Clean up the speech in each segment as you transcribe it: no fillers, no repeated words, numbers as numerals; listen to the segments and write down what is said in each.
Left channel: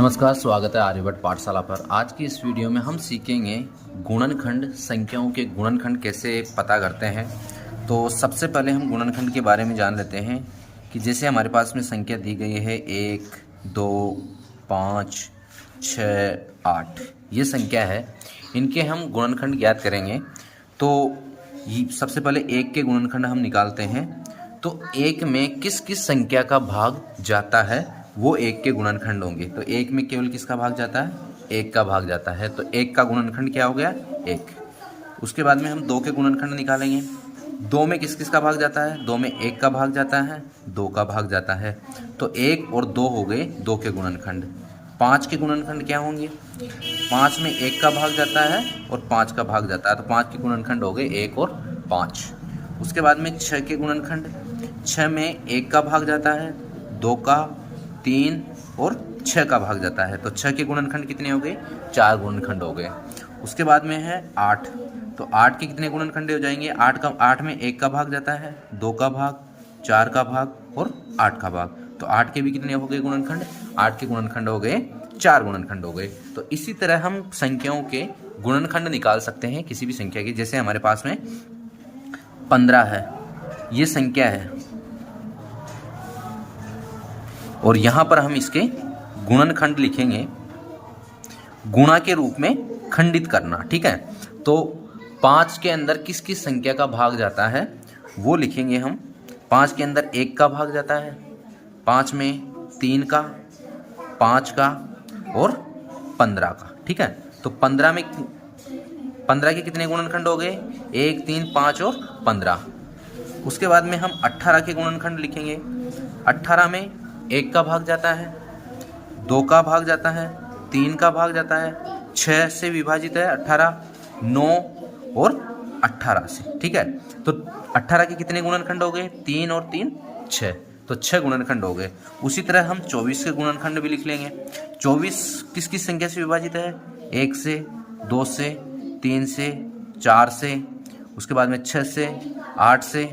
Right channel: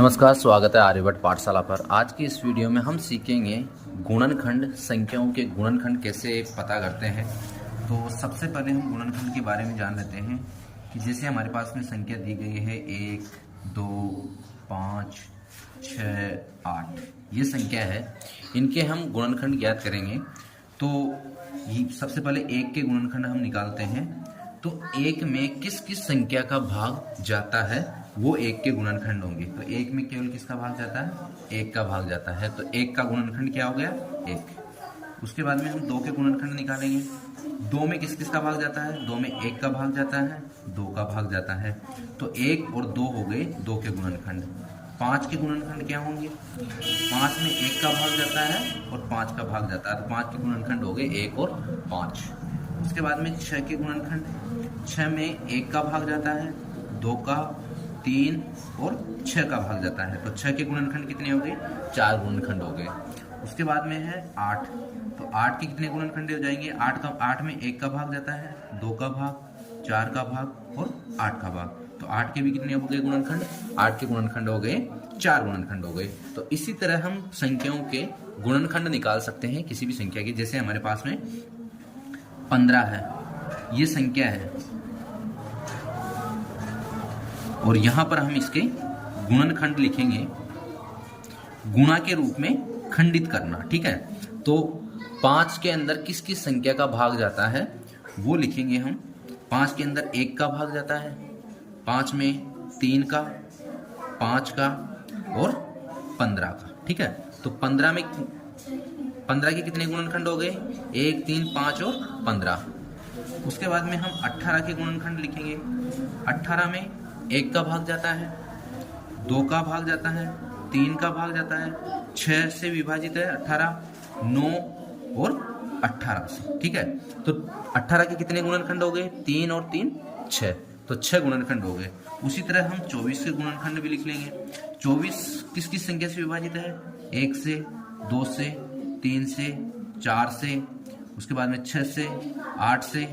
नमस्कार, स्वागत है आर्यभट्ट पाठशाला पर। आज की इस वीडियो में हम सीखेंगे गुणनखंड, संख्याओं के गुणनखंड कैसे पता करते हैं। तो सबसे पहले हम गुणनखंड के बारे में जान लेते हैं कि जैसे हमारे पास में संख्या दी गई है 1, 2, 5, 6, 8, ये संख्या है। इनके हम गुणनखंड ज्ञात करेंगे। तो सबसे पहले 1 के गुणनखंड हम निकालते हैं। तो 1 में किस किस संख्या का भाग जाता है वो 1 के गुणनखंड होंगे। तो 1 में केवल किसका भाग जाता है? 1 का भाग जाता है। तो 1 का गुणनखंड क्या हो गया? 1। उसके बाद में हम 2 के गुणनखंड निकालेंगे। 2 में किस किस का भाग जाता है? 2 में 1 का भाग जाता है, 2 का भाग जाता है। तो 1 और 2 हो गए 2 के गुणनखंड। 5 के गुणनखंड क्या होंगे? 5 में 1 का भाग जाता है और 5 का भाग जाता है। तो 5 के गुणनखंड हो गए 1 और 5। उसके बाद में 6 के गुणनखंड। 6 में 1 का भाग जाता है, 2 का, 3 और 6 का भाग जाता है। तो 6 के गुणनखंड कितने हो गए? 4 गुणनखंड हो गए। उसके बाद में है 8। तो 8 के कितने गुणनखंड हो जाएंगे? 8 में 1 का भाग जाता है, 2 का भाग, 4 का भाग और 8 का भाग। तो 8 के भी कितने हो गए गुणनखंड? 8 के गुणनखंड हो गए 4 गुणनखंड हो गए। तो इसी तरह हम संख्याओं के गुणनखंड निकाल सकते हैं किसी भी संख्या की। जैसे हमारे पास में 15 है, ये संख्या है और यहां पर हम इसके गुणनखंड लिखेंगे, गुणा के रूप में खंडित करना। ठीक है। तो 5 के अंदर किस किस संख्या का भाग जाता है वो लिखेंगे हम। 5 के अंदर 1 का भाग जाता है, 5 में 3 का, 5 का और 15 का। ठीक है। तो 15 के कितने गुणनखंड हो गए? 1, 3, 5 और 15। उसके बाद में हम 18 के गुणनखंड लिखेंगे। 18 में 1 का भाग जाता है, 2 का भाग जाता है, 3 का भाग जाता है, 6 से विभाजित है 18, 9 और 18 से। ठीक है। तो 18 के कितने गुणनखंड हो गए? 3 और 3 6। तो 6 गुणनखंड हो गए। उसी तरह हम 24 के गुणनखंड भी लिख लेंगे। 24 किस किस संख्या से विभाजित है? 1 से, 2 से, 3 से, 4 से, उसके बाद में 6 से, 8 से,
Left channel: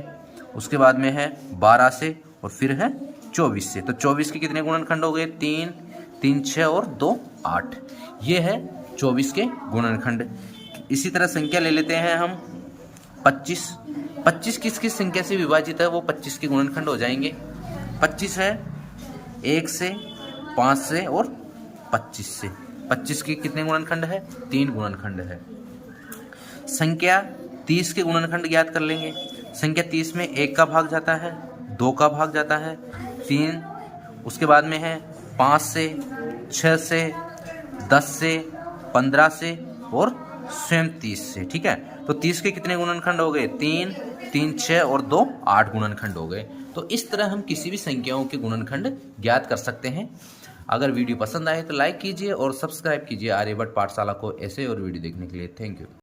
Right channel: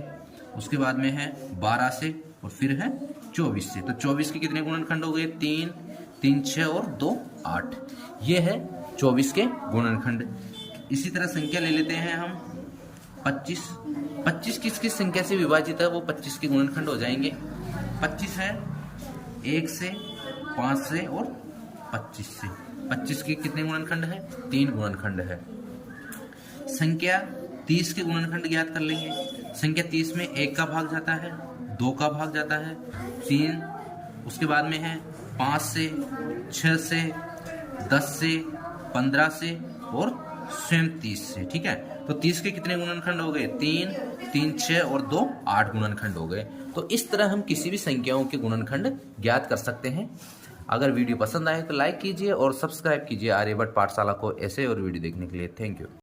उसके बाद में है 12 से और फिर है 24 से। तो 24 के कितने गुणनखंड हो गए? 3, 3, 6 और 2, 8। ये है 24 के गुणनखंड। इसी तरह संख्या ले लेते हैं हम 25। 25 किस किस संख्या से विभाजित है वो 25 के गुणनखंड हो जाएंगे। 25 है 1 से, 5 से और 25 से। 25 के कितने गुणनखंड है? 3 गुणनखंड है। संख्या 30 के गुणनखंड ज्ञात कर लेंगे। संख्या 30 में 1 का भाग जाता है, 2 का भाग जाता है, 3, उसके बाद में है 5 से, 6 से, 10 से, 15 से और स्वयं 30 से। ठीक है। तो 30 के कितने गुणनखंड हो गए? 3, 3, 6 और 2, 8 गुणनखंड हो गए। तो इस तरह हम किसी भी संख्याओं के गुणनखंड ज्ञात कर सकते हैं। अगर वीडियो पसंद आए तो लाइक कीजिए और सब्सक्राइब कीजिए आर्यभट्ट पाठशाला को ऐसे और वीडियो देखने के लिए। Thank you.